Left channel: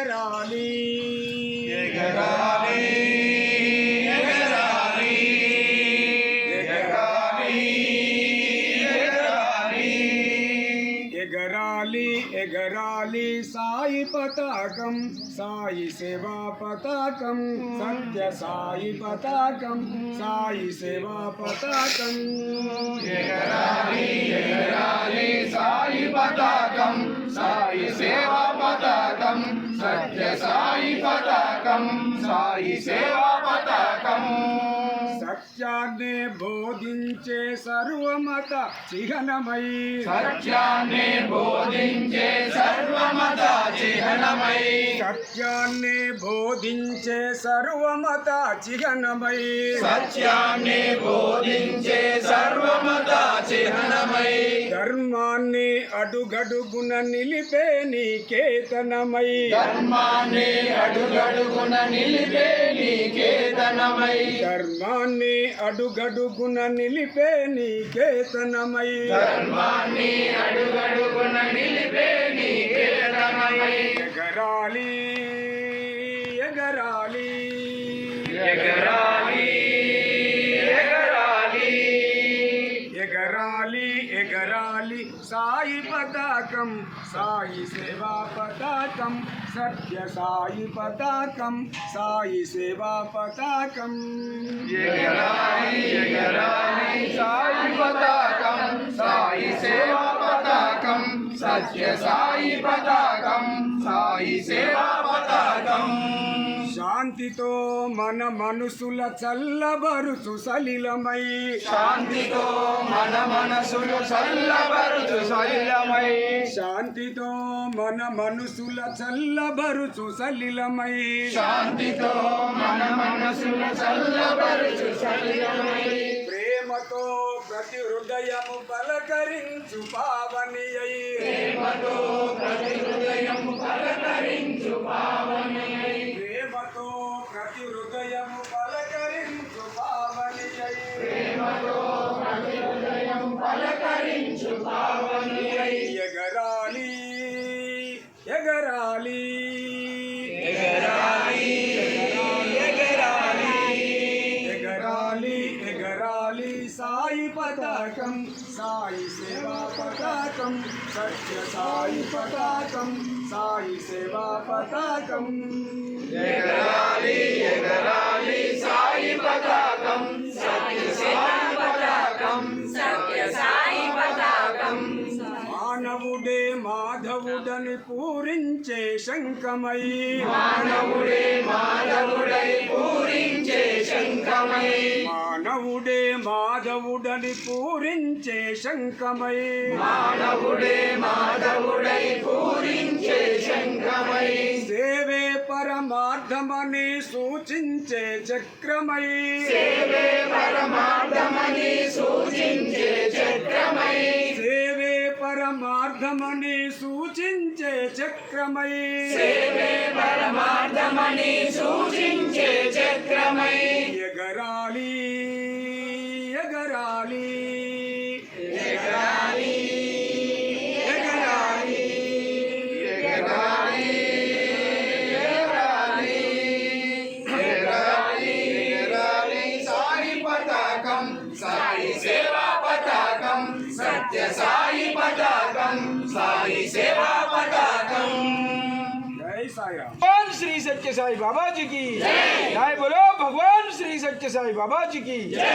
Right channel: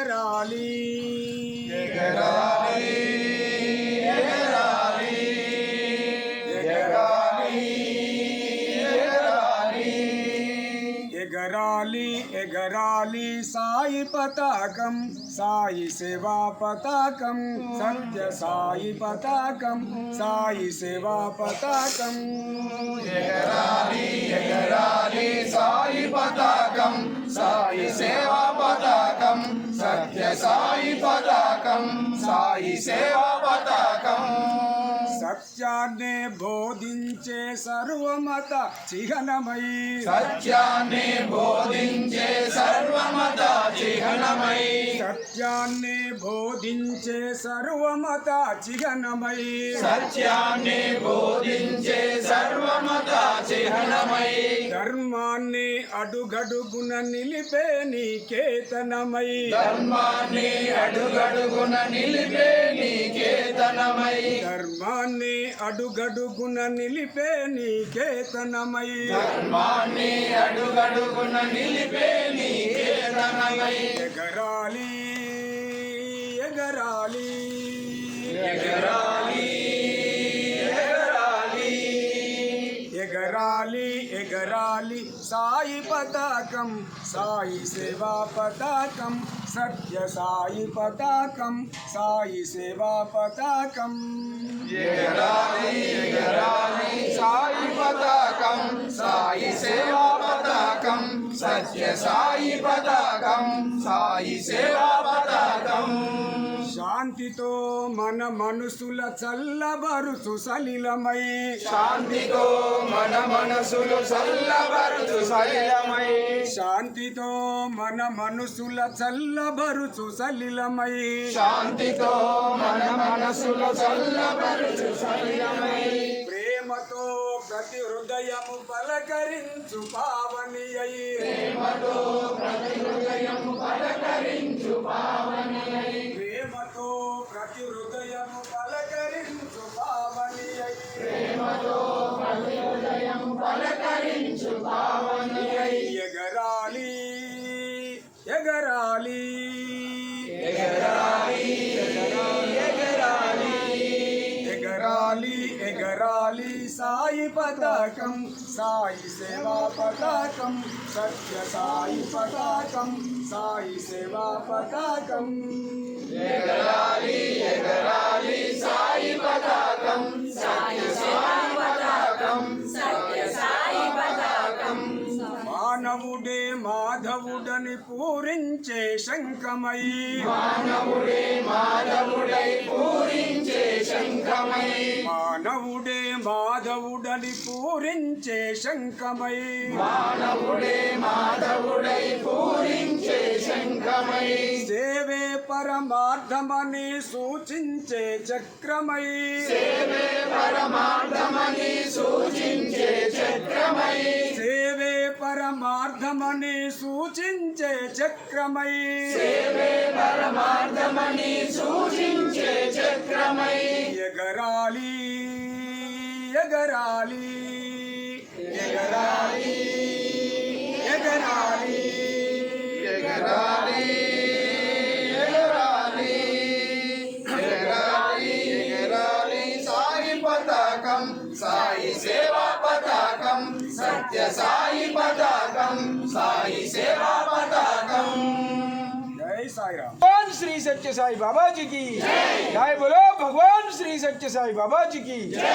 ఎగరాలి ఎగరాలి ఎగరాలి ఎగరాలి ఎగరాలి ఎగరాలి ఎగరాలి సాయి పతాకం సాయి సేవా పతాకం సత్య సాయి పతాకం సాయి సేవా పతాకం ఎగరాలి ఎగరాలి సాయి పతాకం సాయి సేవా పతాకం సత్య సాయి పతాకం సాయి సేవా పతాకం సత్యాన్నే బోధించే సర్వమత చిహ్నమై సత్యాన్ని బోధించే సర్వమత చిహ్నమై సత్యాన్నే బోధించే సర్వమత చిహ్నమై సత్యాన్ని బోధించే సర్వమత చిహ్నమై ధర్మాన్ని అడుగడుగున నిలిపే నీకేతనమై ధర్మాన్ని అడుగడుగున నిలిపే నీకేతనమై ధర్మాన్ని అడుగడుగున నిలిపే నీకేతనమై ధర్మాన్ని అడుగడుగున నిలిపే నీకేతనమై ఎగరాలి ఎగరాలి ఎగరాలి ఎగరాలి ఎగరాలి ఎగరాలి సాయి పతాకం సాయి సేవా పతాకం సత్య సాయి పతాకం సాయి సేవా పతాకం ఎగరాలి ఎగరాలి సాయి పతాకం సాయి సేవా పతాకం సత్య సాయి పతాకం సాయి సేవా పతాకం శాంతితో మన మనసుల చల్లబరుచు సలిలమై శాంతితో మన మనసులు చల్లబరుచు సలిలమై శాంతితో మన మనసుల చల్లబరుచు సలిలమై శాంతితో మన మనసులు చల్లబరుచు సలిలమై ప్రేమతో ప్రతి హృదయము పలకరించు పావని అయి ప్రేమతో ప్రతి హృదయము పలకరించు పావని ప్రేమతో ప్రతి హృదయము పలకరించు పావని అయి ప్రేమతో ప్రతి హృదయము పలకరించు పావని ఎగరాలి ఎగరాలి ఎగరాలి ఎగరాలి ఎగరాలి ఎగరాలి సాయి పతాకం సాయి సేవా పతాకం సత్య సాయి పతాకం సాయి సేవా పతాకం ఎగరాలి ఎగరాలి సాయి పతాకం సత్య సాయి పతాకం సత్య సాయి పతాకం మానవుడే మాధవుడని పూరించే శంఖమై మానవుడే మాధవుడై పూరించే శంఖమై మానవుడే మాధవుడని పూరించే శంఖమై మానవుడే మాధవుడై పూరించే శంఖమై సేవే పరమార్థమని సూచించే చక్రమై సేవే పరమార్థమని సూచించే చక్రమై సేవే పరమార్థమని సూచించే చక్రమై సేవే పరమార్థమని సూచించే చక్రమై ఎగరాలి ఎగరాలి ఎగరాలి ఎగరాలి ఎగరాలి ఎగరాలి ఎగరాలి ఎగరాలి సాయి పతాకం సాయి సేవా పతాకం సత్య సాయి పతాకం సాయి సేవా పతాకం జై సాయిరామ్ भगवान श्री सत्य साई बाबा जी की जय बोलो भगवान श्री सत्य साई बाबा जी की जय।